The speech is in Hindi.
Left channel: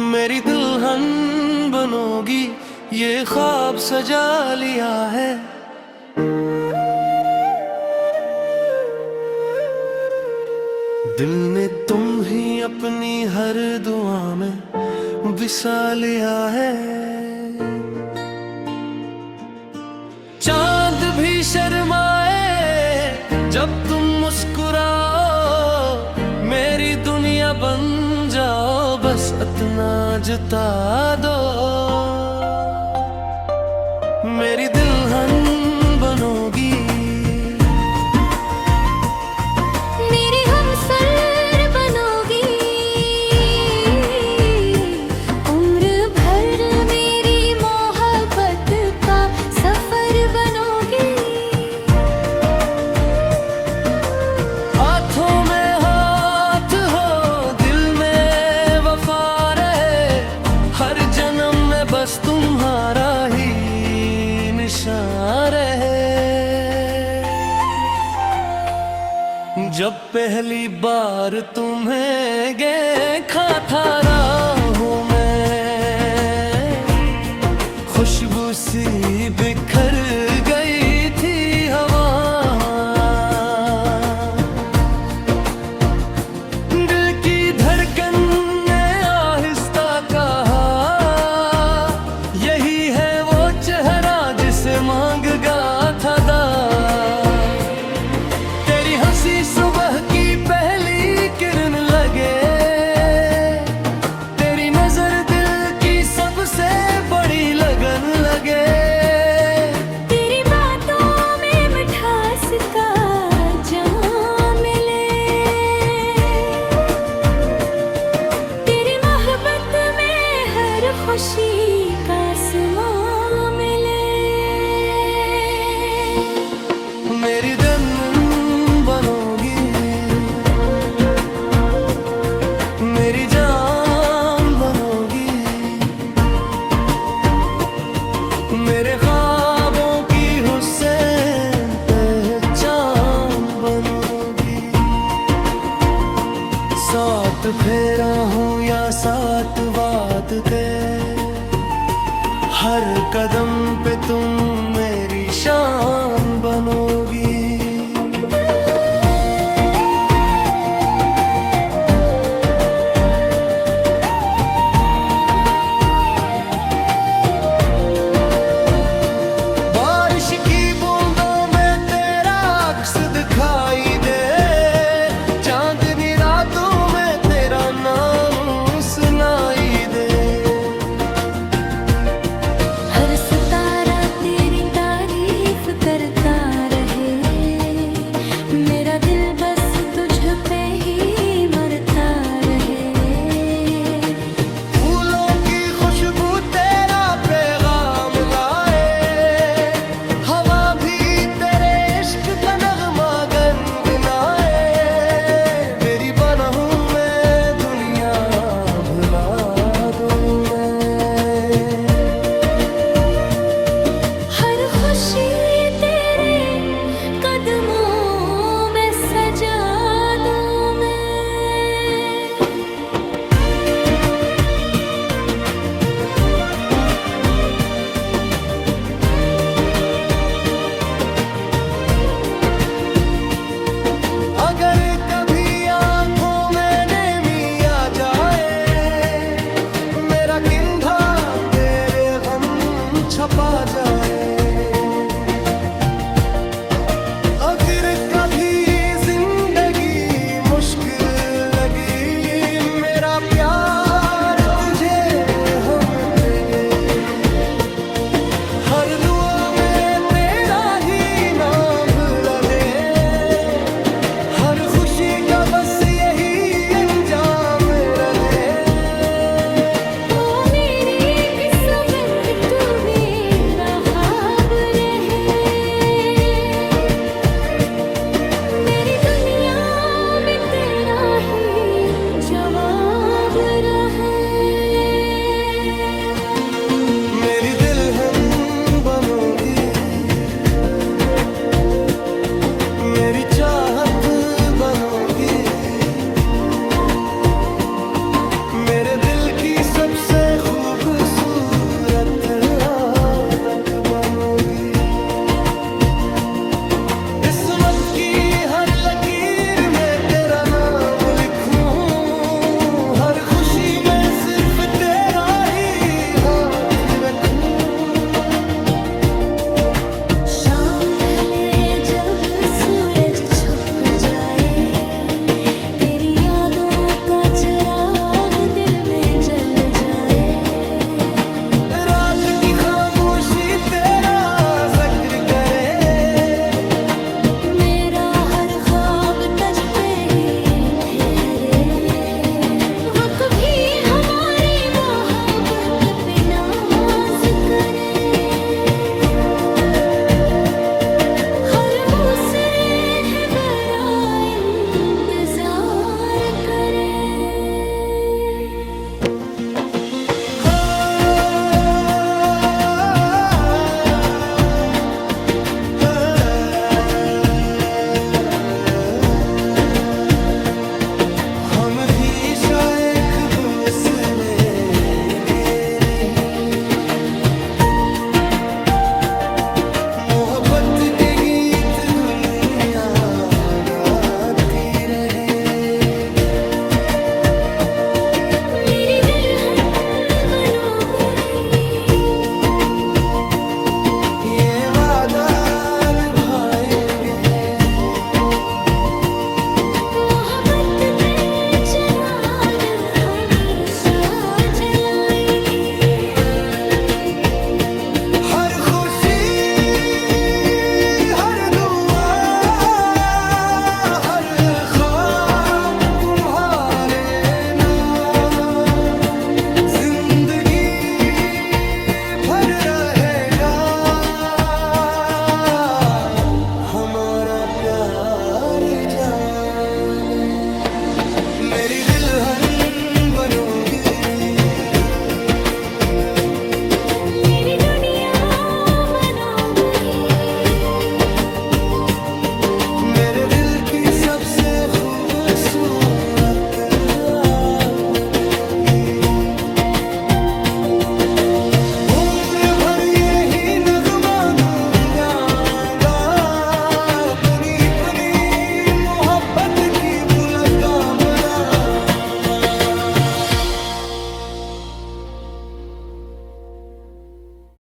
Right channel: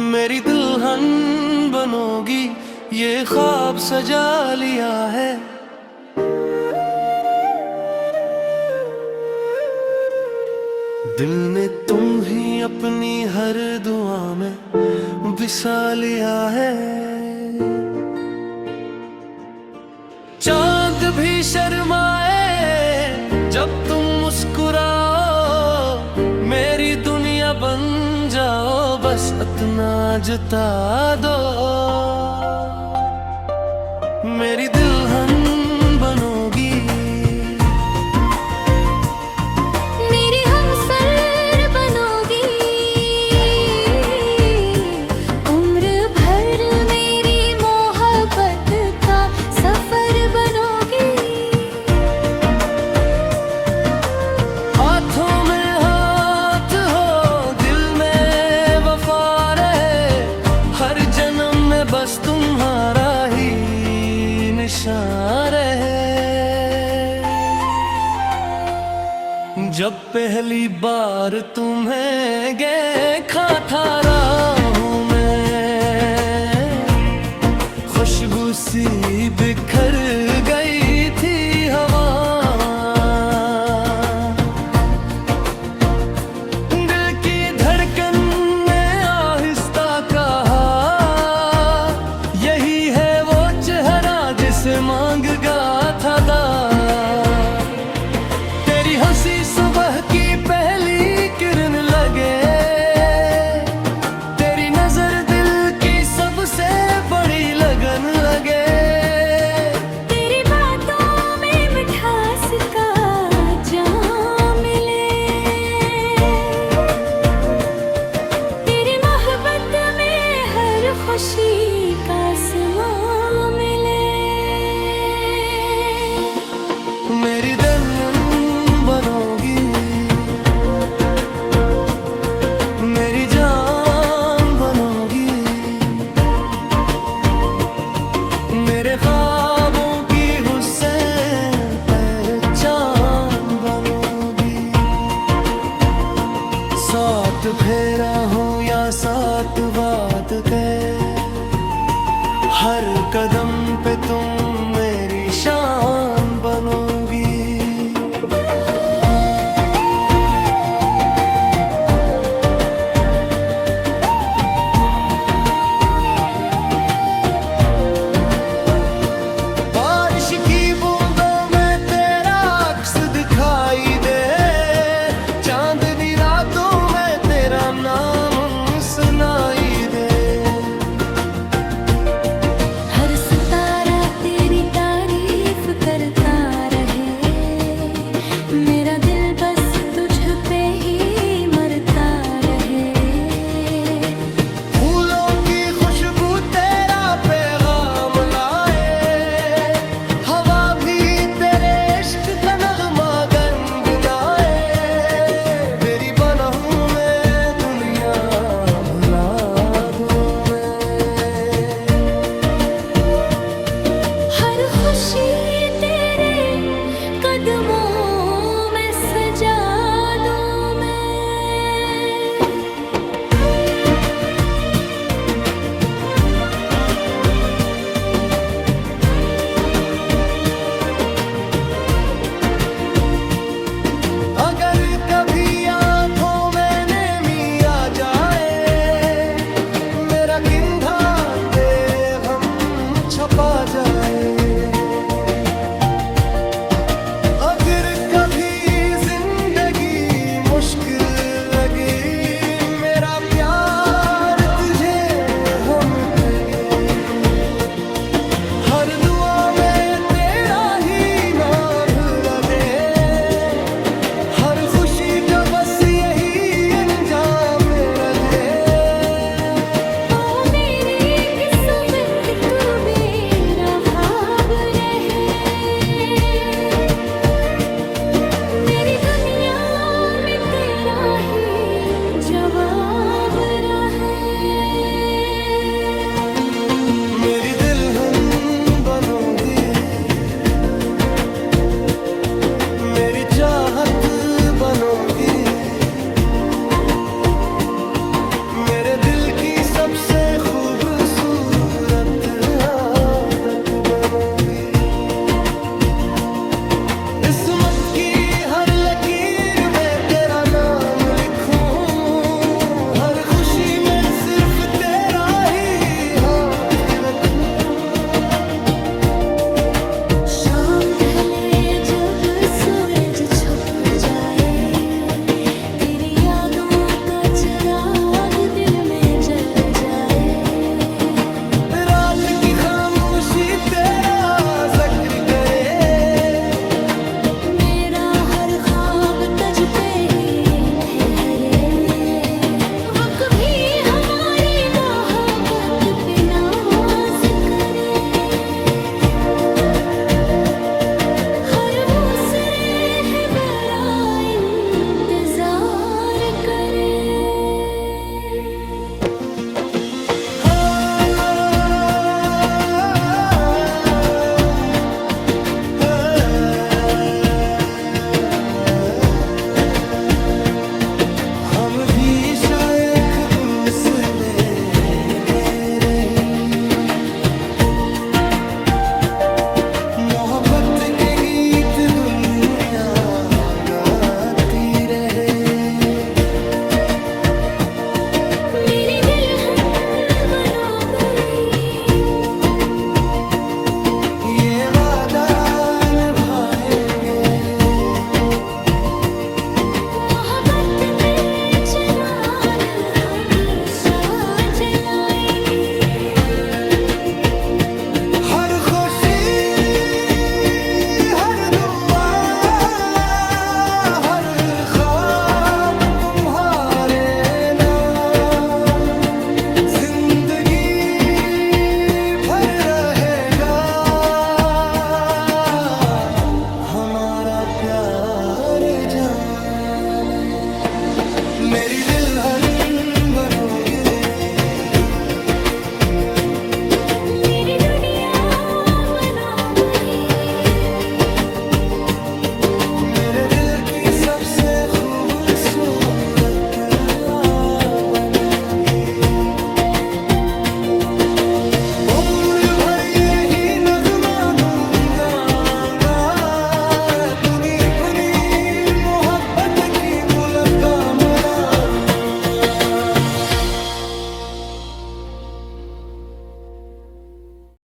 मेरी दुल्हन बनोगी, ये ख्वाब सजा लिया है। दिल ने तुम ही अपनी हर दुआ में बसा लिया है। चांद भी शर्माए जब तुम मुस्कुराओ, मेरी दुनिया बन जाओ, बस इतना जता दो। मेरी दुल्हन बनोगी, मेरी हमसर बनोगी, उम्र भर मेरी मोहब्बत का सफर बनोगी। हाथों में हाथ हो, दिल में वफा रहे, हर जन्म में बस तुम्हारा ही निशान रहे। जब पहली बार तुम्हें देखा था राहों में, खुशबू सी बिखर गई थी हवा। दिल की धड़कन ने आहिस्ता कहा, यही है वो चेहरा जिसे मांगा था दा। तेरी हंसी सुबह की पहली किरण लगे, तेरी नजर दिल की सबसे बड़ी लगन लगे। तेरी बातों में मिठास का जाम मिले, तेरी मोहब्बत में हर खुशी का समा मिले। मेरी दुल्हन बनोगी, मेरी जान बनोगी, मेरे ख्वाबों की हुस्न पहचान बनोगी। सात फेरा हो या सात बात के, हर कदम पे तुम मेरी शान बनोगी। बारिश की बूंदों में तेरा अक्स दिखाई दे, चांदनी रातों में तेरा नाम सुनाई दे। हर सितारा तेरी तारीफ करता रहे, मेरा दिल बस तुझ पे ही मरता रहे। फूलों की खुशबू तेरा पैगाम लाए, हवा भी तेरे इश्क का नगमा गुनगुनाए। मेरी बना हूँ मैं दुनिया भुला दूँ मैं, हर खुशी तेरे कदमों में सजा दूं मैं। अगर कभी आंखों में नमी आ जाए, मेरा किंधा तेरे गम छपा जाए। अगर कभी जिंदगी मुश्किल लगी, मेरा प्यार तुझे हम तेगे। हर दुआ में तेरा ही नाम लगे, हर खुशी का बस यही अंजाम रहे। ओ मेरी किस्मत तू मेरा ख्वाब रहे, मेरी दुनिया में तेरा ही जवाब रहे। मेरी दुल्हन बनोगी, मेरी चाहत बनोगी, मेरे दिल की सबसे खूबसूरत आदत बनोगी। किस्मत की हर लकीर में तेरा नाम लिखूं, हर खुशी में सिर्फ तेरा ही हाथ रखूं। शाम ढले जब सूरज छुप जाए, तेरी यादों का चिराग दिल में जल जाए। रात की खामोशी तेरा जिक्र करे, मेरा हर ख्वाब तुझ पे ही ठहरे। वो कभी हमारी मोहब्बत पे नाज करे, हर दूसरे है बड़ा इंतजार करे। हम भी शायद दूसरे के रही, मोहब्बत के गीत दुनिया गाती रहे। मेरी दुल्हन बनो गई, ये वादा निभाएंगे, मोहब्बत के चिराग हमेशा जलाएंगे। हर खुशी हर दुआ हर ख्वाब तुम्हारे नाम जिंदगी भर रहेगा हमारा प्यार जाने। मेरी दुल्हन बनोगी, मेरी दुनिया बनोगी, मेरे दिल की सबसे खूबसूरत बनोगी।